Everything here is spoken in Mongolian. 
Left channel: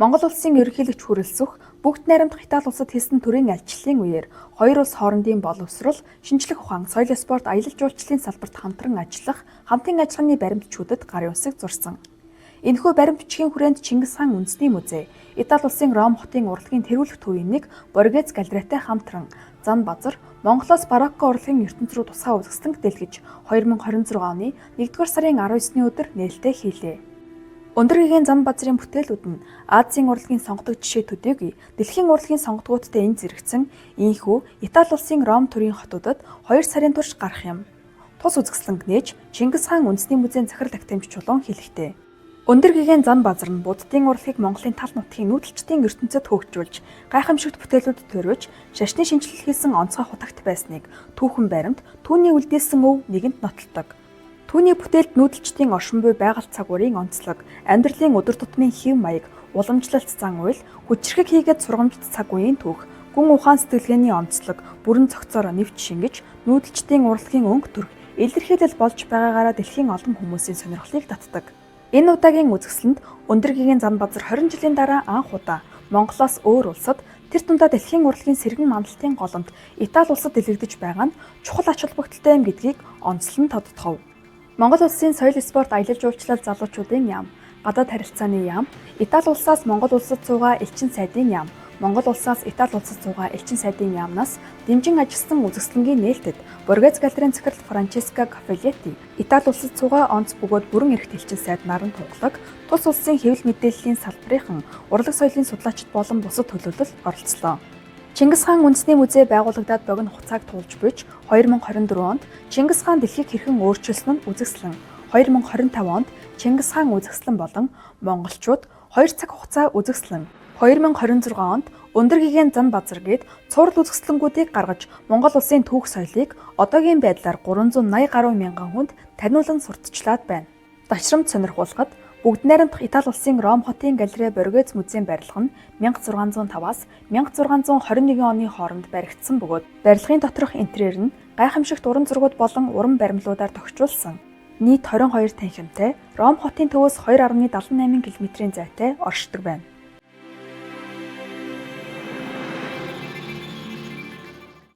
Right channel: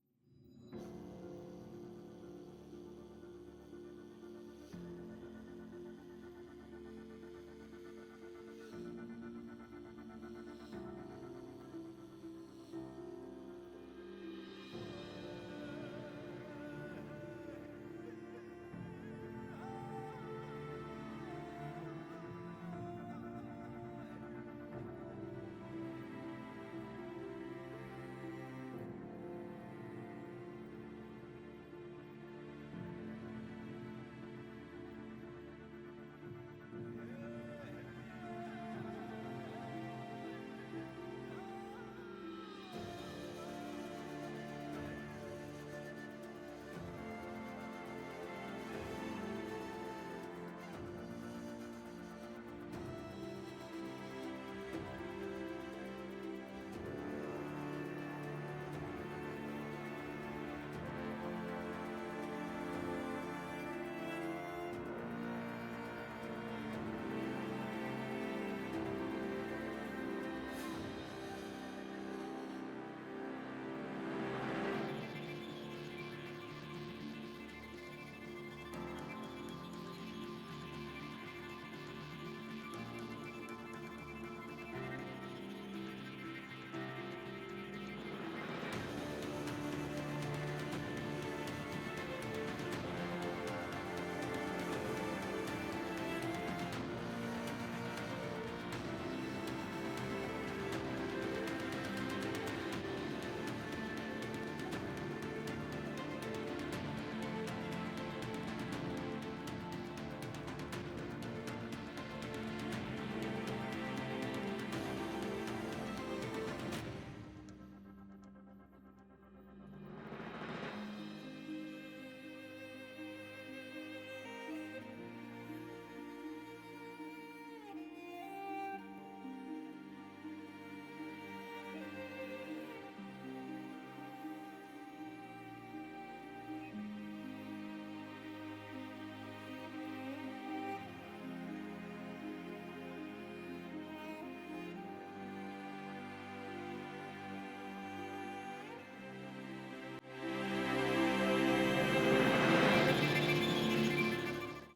Монгол улсын ерөнхийлөгч хүрэлцэх бүгд найрамдах Итали улсад хийсэн төрийн альчлалын үеэр хоёр улс хоорондын боловсрол, шинжлэх ухаан, соёл спорт, аялал жуулчлалын салбарт хамтран ажиллах, хамтын ажиллагааны баримтчуудад гарын үсэг зурсан. Энэхүү баримт бичгийн хүрээнд Чингис хаан үндэсний музей, Итали улсын Ром хотын урлагийн тэргүүлэх төвийн нэг Боргез галереитай хамтран Зан Базар Монголоос барокко урлагийн ертөнц рүү тусгай үзэсгэлэнт дэлгэж 2026 оны 1-р сарын 19-ны өдөр нээлттэй хийлээ. Өндөр гэгээн Зан Базарын бүтээлүүд нь Азийн урлагийн сонгодог жишээ төдийгүй дэлхийн урлагийн сонгодгуудтай энэ зэрэгцэн ийхүү Итали улсын Ром төрийн хотуудад 2 сарын турш гарах юм. Тус үзэсгэлэнг нээж Чингис хаан үндэсний музейн захирал актемч чулуун хэлэхдээ өндөр гэгээн Зан Базар нь буддын урлагийг Монголын тал нутгийн нүүдэлчдийн ертөнцөд хөгжүүлж гайхамшигт бүтээлүүд төрөж шашны шинжилэл хийсэн онцгой хутагт байсныг түүхэн баримт түүний үлдээсэн өв нэгэнт нотолдог. Түүний бүтээлд нүүдэлчдийн оршин буй байгальд цагуурийн онцлог, амьдралын өдөр тутмын хэв маяг, уламжлалт зан үйл, хүчирхэг хийгээд сургамжит цаг үеийн түүх, гүн ухаан сэтгэлгээний онцлог, бүрэн цогцоор нэвч шингэж, нүүдэлчдийн урлагийн өнгө төрх, илэрхийлэл болж байгаагаараа дэлхийн олон хүмүүсийн сонирхлыг татдаг. Энэ удаагийн үзэсгэлэнт өндөр гэгээн Зан Базар 20 жилийн дараа анх удаа Монголоос өөр улсад тэр тундаа дэлхийн урлагийн сэргэн мандалтын голомт Итали улсад дэлгэгдэж байгаа нь чухал ач холбогдолтой юм гэдгийг онцлон тодтогов. Монгол улсын соёл спорт аялал жуулчлал залуучуудын яам, гадаад харилцааны яам, Итали улсаас Монгол улсад суугаа элчин сайдын яам, Монгол улсаас Итали улсад суугаа элчин сайдын яамнаас дэмжин ажилласан үзэсгэлэнгийн нээлтэд Боргез галерейн захирал Франческо Кафелетти, Итали улсад суугаа онц бөгөөд бүрэн эрхт элчин сайд Наран Тунгалаг, тус улсын хэвлэл мэдээллийн салбарын урлаг соёлын судлаачид болон бусад төлөөлөлд оролцлоо. Чингис хаан үндэсний музей байгуулагдаад богино хугацааг туулж буйж 2024 онд Чингис хаан дэлхийг хэрхэн өөрчилсөн нь үзэсгэлэн, 2025 онд Чингис хаан үзэсгэлэн болон монголчууд 2 цаг хугацаа үзэсгэлэн, 2026 онд өндөр гэгээн Зан Базар гээд цуврал үзэсгэлэнгүүдийг гаргаж Монгол улсын түүх соёлыг одоогийн байдлаар 380 гаруй мянган хүнд таниулан сурталчлаад байна. Дашрамт сонирхуулахад бүгд найрамдах Итали улсын Ром хотын галерей Боргез музейн барилга нь 1605-аас 1621 оны хооронд баригдсан бөгөөд барилгын доторх интерьер нь гайхамшигт уран зургууд болон уран баримлуудаар тохижуулсан. Нийт 22 танхимтай Ром хотын төвөөс 2.78 км-ийн зайтай оршдог байна.